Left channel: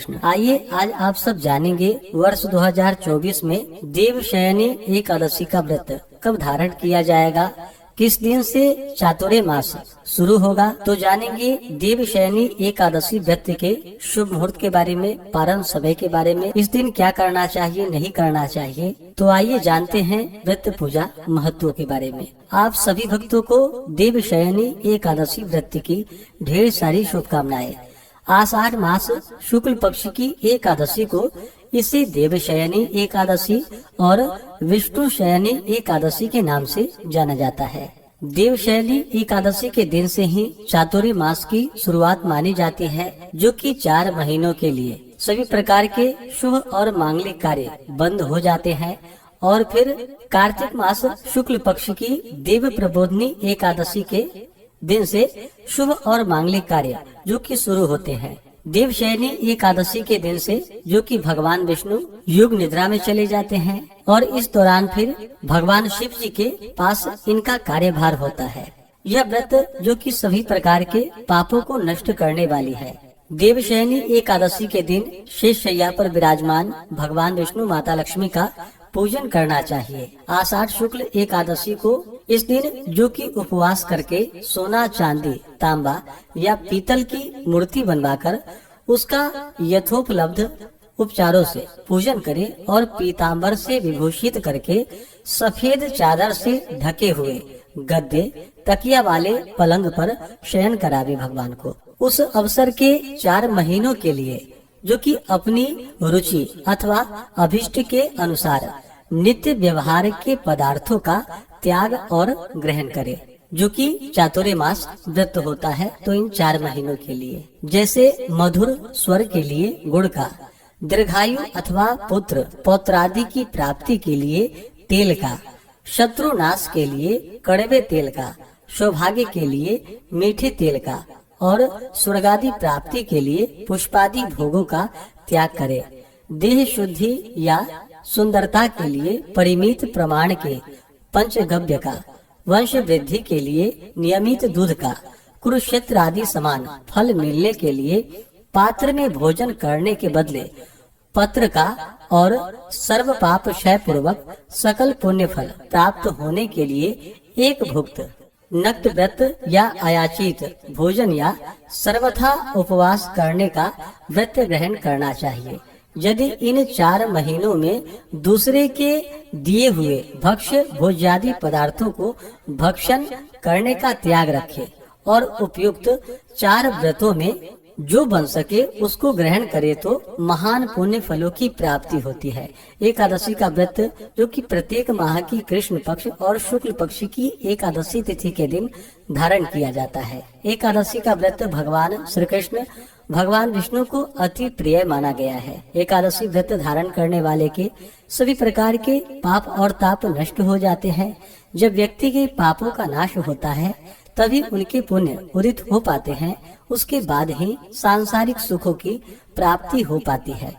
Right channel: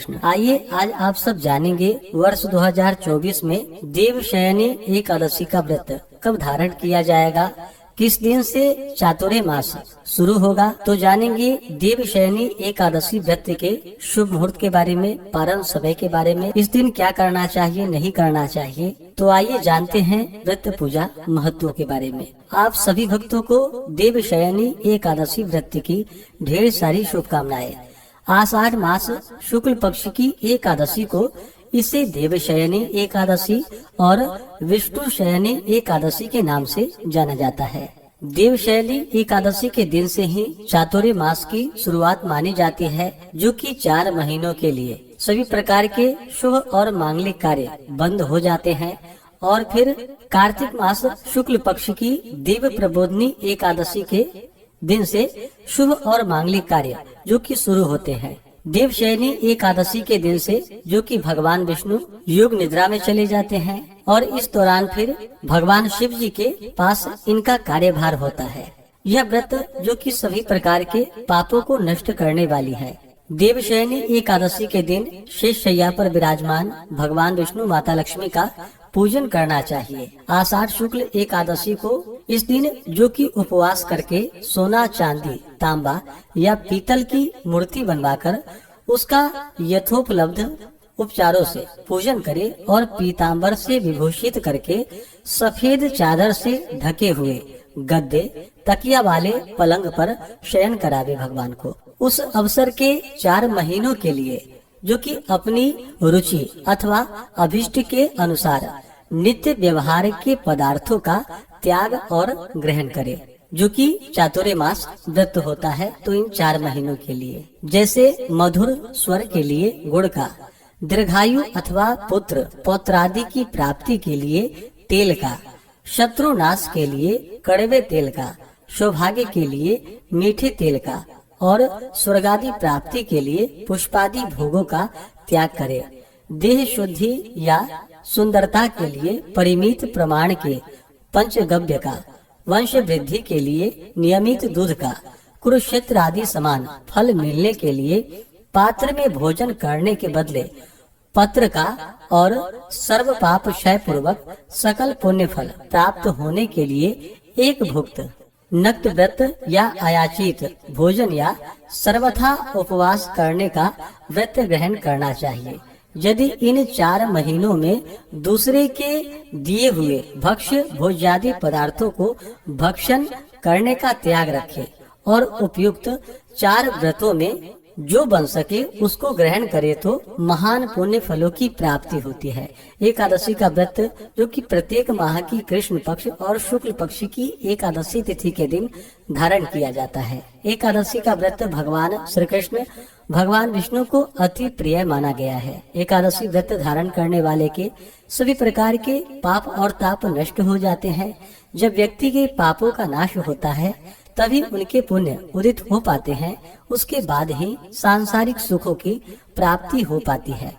कृष्ण। आइए आज आप सब जानेंगे वर्ष 2024 में देवशयनी एकादशी का व्रत कब धारण किया जाएगा, किस दिन से चातुर्य मास शुरू होगा। तो जानेंगे देवशयनी एकादशी व्रत के शुभ मुहूर्त के बारे में, पारण समय के बारे में, इस दिन क्या करना चाहिए नहीं करना चाहिए। तो आइए जानते हैं व्रत पूजा महत्व के बारे में। आप सभी भक्तों को देवशयनी एकादशी व्रत की ढेर सारी शुभकामनाएं। आषाढ़ मास शुक्ल पक्ष की एकादशी को इसे देवशयनी एकादशी और विष्णु शयनी एकादशी के नाम से जाना जाता है। देवशयनी एकादशी के दिन से ही चातुर्य मास की शुरुआत मानी जाती है, जो कि 4 महीनों के लिए सभी प्रकार के शुभ और मांगलिक कार्य बंद हो जाते हैं और फिर कार्तिक मास शुक्ल पक्ष की देव प्रबोधनी एकादशी के दिन से शुभ और मांगलिक कार्य जो कि शुरू होते हैं। देवशयनी एकादशी के दिन से जो कि भगवान विष्णु युग निद्रा में चले जाते हैं और इस दौरान फिर भगवान शिव जी के पास इनका कार्यभार होता है। यह व्रत जो कि सभी प्रकार के पापों को नष्ट करने वाली है। देवशयनी एकादशी के दिन शेष शैया पर विराजमान भगवान विष्णु माता लक्ष्मी का पूजन करना चाहिए। आषाढ़ शुक्ल एकादशी को इस दिन जो कि उपवास करके सोना, चांदी, तांबा या पीतल की मूर्ति बनवाकर उसका यथोपलब्ध उपचारों से पूजन करे और पीतांबर से विभूषित करके सफेद चादर से ढके हुए गद्दे, तकिया वाले पलंग पर शयन करावे भगवान को। उस अवसर के 4 महीनों के लिए जो कि अपनी रुचि अथवा अभिष्ट के अनुसार नित्य व्यवहार के पदार्थों का त्याग और ग्रहण करे, जो कि चातुर्य मास व्रत होता है। तो इन 4 महीनों के लिए जैसे मधुर स्वर के लिए गुड़ का, दीर्घायु अथवा पुत्र पौत्रादि की प्राप्ति के लिए तेल का, शत्रु नाश के लिए कड़वे तेल का, सौभाग्य के लिए मीठे तेल का और स्वर्गादि प्राप्ति के लिए पुष्पादि भोगों का त्याग करे। देह शुद्धि या सुंदरता के लिए परिमित प्रमाण के पंचगव्य का, वंश वृद्धि के लिए नियमित दूध का, कुरुक्षेत्र आदि समान फल मिलने के लिए पात्र में भोजन करने के बदले पत्र का और सर्व पाप क्षय पूर्वक सकल पुण्य फल प्राप्त होने के लिए एक भुक्त नक्त व्रत या अयाचित भोजन या सर्वथा उपवास करने का व्रत ग्रहण करना चाहिए। यदि इन 4 महीनों में दूसरे के दिए हुए भक्ष्य भोज्यादि पदार्थों को भक्षण करने का त्याग रखे और उपयुक्त 4 व्रतों में जो बन सके उसको ग्रहण करे तो महान पुण्य फलों की प्राप्ति होती है। एकादशी का व्रत जो कि प्रत्येक माह की कृष्ण पक्ष और शुक्ल पक्ष की एकादशी तिथि के दिन धारण किया जाता है। एकादशी का व्रत भगवान श्री कृष्ण भगवान विष्णु को अति प्रिय माना गया है। एकादशी व्रत धारण करने वाले के सभी प्रकार के पाप और ताप नष्ट हो जाते हैं। जब व्यक्ति के पापों का नाश होता है तभी उनके पुण्य उदित हो पाते हैं। उसके बाद ही सांसारिक सुखों की प्राप्ति हो पाती है।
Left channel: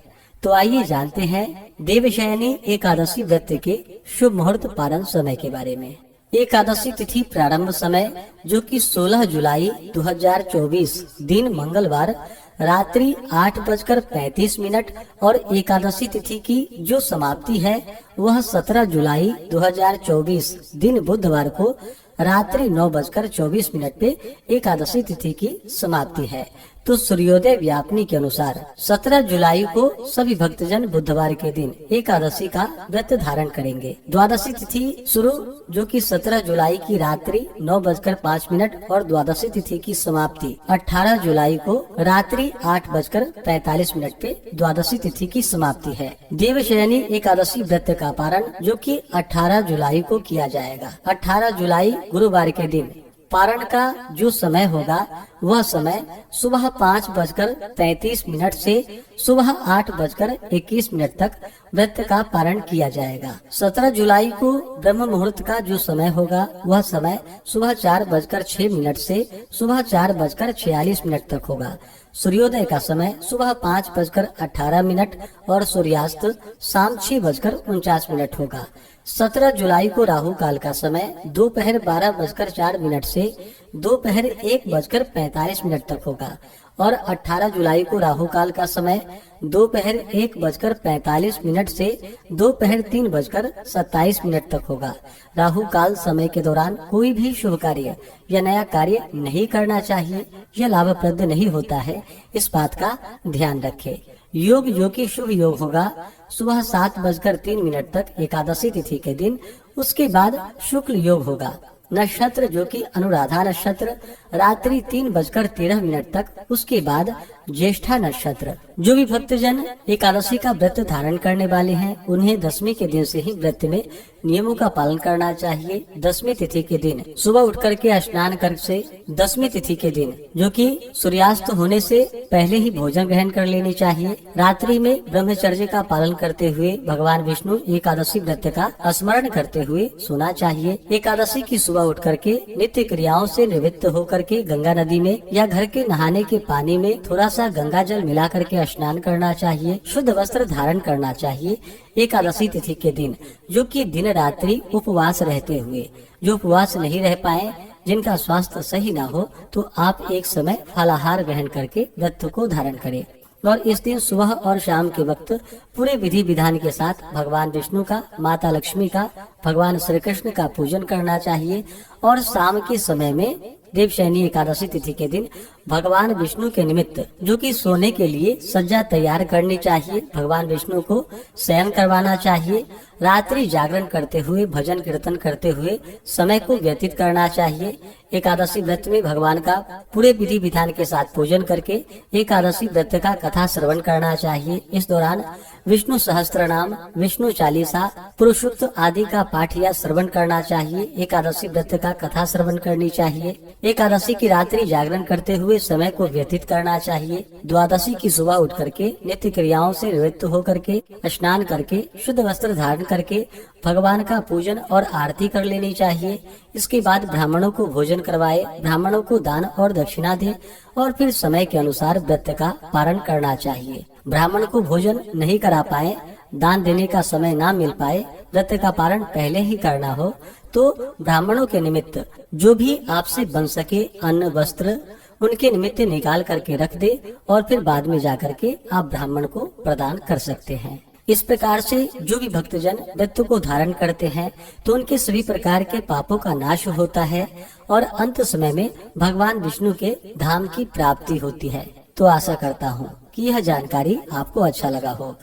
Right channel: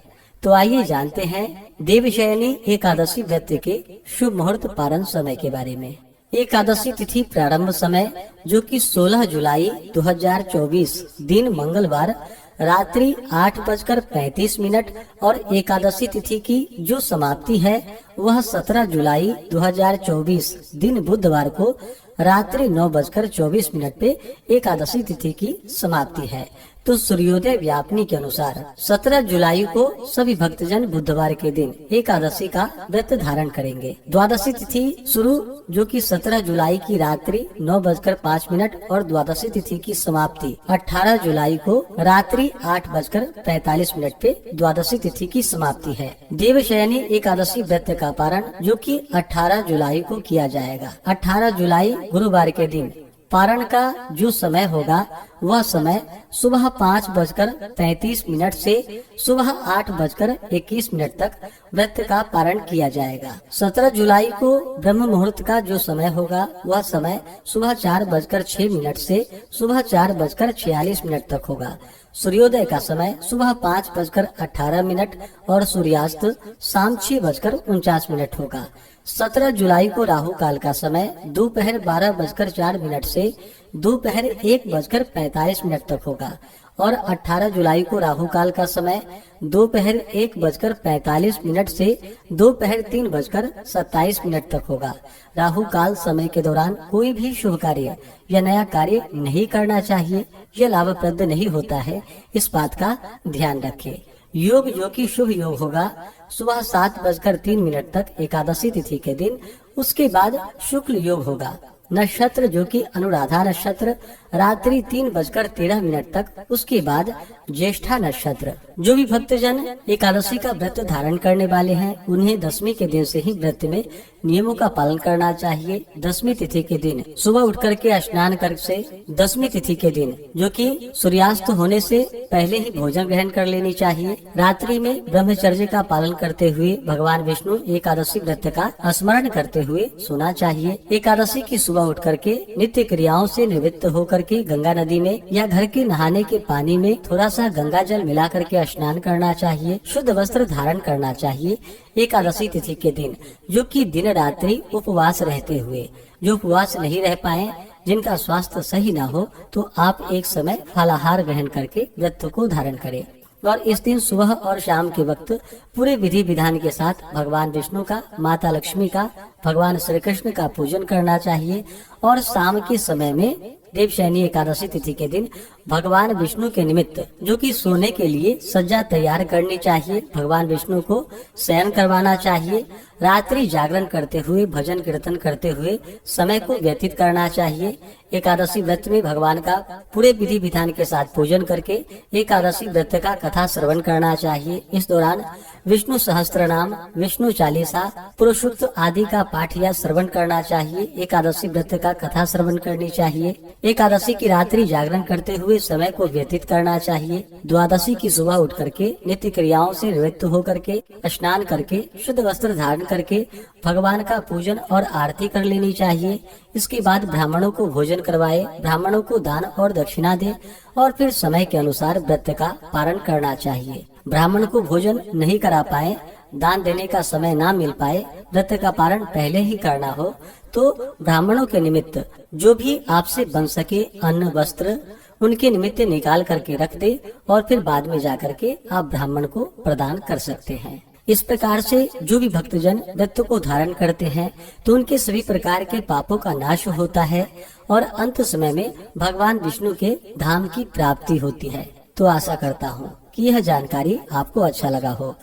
तो आइए जानते हैं देवशयनी एकादशी व्रत के शुभ मुहूर्त पारण समय के बारे में। एकादशी तिथि प्रारंभ समय जो कि 16 जुलाई 2024 दिन मंगलवार रात्रि 8:35 और एकादशी तिथि की जो समाप्ति है वह 17 जुलाई 2024 दिन बुधवार को रात्रि 9:24 पे एकादशी तिथि की समाप्ति है। तो सूर्योदय व्यापनी के अनुसार 17 जुलाई को सभी भक्तजन बुधवार के दिन एकादशी का व्रत धारण करेंगे। द्वादशी तिथि शुरू जो कि 17 जुलाई की रात्रि 9:05 और द्वादशी तिथि की समाप्ति 18 जुलाई को रात्रि 8:45 पे द्वादशी तिथि की समाप्ति है। देवशयनी एकादशी व्रत का पारण जो कि 18 जुलाई को किया जाएगा। 18 जुलाई गुरुवार के दिन पारण का जो समय होगा वह समय सुबह 5:33 से सुबह 8:21 तक व्रत का पारण किया जाएगा। 17 जुलाई को ब्रह्म मुहूर्त का जो समय होगा वह समय सुबह 4:06 से सुबह 4:46 तक होगा। सूर्योदय का समय सुबह 5:18 और सूर्यास्त शाम 6:49 होगा। 17 जुलाई को राहु काल का समय दोपहर 12:04 से दोपहर 1:45 तक होगा और 18 जुलाई को राहु काल का समय दोपहर 1:45 से दोपहर 3:27 तक होगा। राहु काल समय के दौरान कोई भी शुभ कार्य या नया कार्य नहीं करना चाहिए। यह लाभप्रद नहीं होता है, इस बात का ध्यान रखें। योग जो कि शुभ योग होगा सुबह 7:03 तक एकादशी तिथि के दिन। उसके बाद शुक्ल योग होगा। नक्षत्र जो कि अनुराधा नक्षत्र रात्रि 3:13 तक। उसके बाद ज्येष्ठा नक्षत्र। जो भी भक्तजन एकादशी का व्रत धारण करने वाले हैं उन्हें दशमी के दिन से ही व्रत में नियमों का पालन करना चाहिए। दशमी तिथि के दिन सुबह उठ करके स्नान कर से दशमी तिथि के दिन जो कि सूर्यास्त होने से पहले ही भोजन ग्रहण कर लेनी चाहिए। रात्रि में ब्रह्मचर्य का पालन करते हुए भगवान विष्णु एकादशी व्रत का स्मरण करते हुए सोना चाहिए। एकादशी की सुबह उठ करके नित्य क्रियाओं से निवृत्त होकर के गंगा नदी में या घर के नहाने के पानी में थोड़ा सा गंगा जल मिला करके स्नान करना चाहिए। शुद्ध वस्त्र धारण करना चाहिए। एकादशी तिथि के दिन जो कि दिन रात्रि उपवास रहते हुए, जो उपवास नहीं रह पाए, जिनका स्वास्थ्य सही ना हो, तो आप एक समय फलाहार ग्रहण करके व्रत को धारण करें। और इस दिन सुबह और शाम के वक्त पूरे विधि विधान के साथ भगवान विष्णु का, माता लक्ष्मी का, भगवान श्री कृष्ण का पूजन करना चाहिए। और शाम के समय में देवशयनी एकादशी तिथि के दिन भगवान विष्णु के निमित्त जो कि सोने के लिए सज्जा तैयार करनी चाहिए। भगवान विष्णु को शयन करवाना चाहिए। रात्रि जागरण करते हुए, भजन कीर्तन करते हुए समय को व्यतीत करना चाहिए। एकादशी व्रत में भगवान का पूरे विधि विधान के साथ पूजन करके एकादशी व्रत का कथा श्रवण करना चाहिए। इस दौरान विष्णु सहस्त्र नाम, विष्णु चालीसा, पुरुषोक्त आदि का पाठ या श्रवण करना चाहिए। एकादशी व्रत का कथा श्रवण करनी चाहिए। एकादशी की रात्रि जागरण करते हुए समय को व्यतीत करना चाहिए। द्वादशी की सुबह उठ करके नित्य क्रियाओं से निवृत्त होकर के स्नान करके शुद्ध वस्त्र धारण करके भगवान का पूजन और आरती कर लेनी चाहिए। इसके बाद ब्राह्मणों को भोजन करवाए, ब्राह्मणों को दान और दक्षिणा दे और फिर समय के अनुसार व्रत का पारण करना चाहिए। ब्राह्मण को भोजन नहीं करा पाए, दान देने का समय ना मिल पाए, व्रत का पारण पहले ही करना हो, तो ब्राह्मणों के निमित्त जो भी आपसे बन सके अन्न वस्त्र उनके निमित्त निकाल करके रख दे और फिर बाद में जाकर के आप ब्राह्मण को प्रदान कर सकते हैं। इस प्रकार से जो भी भक्तजन व्रत को धारण करते हैं तो उनके सभी प्रकार के पापों का नाश होता है और अंत समय में भगवान विष्णु के धाम की प्राप्ति होती है। तो आशा करता हूँ कि यह जानकारी आपको अच्छा लगा हो।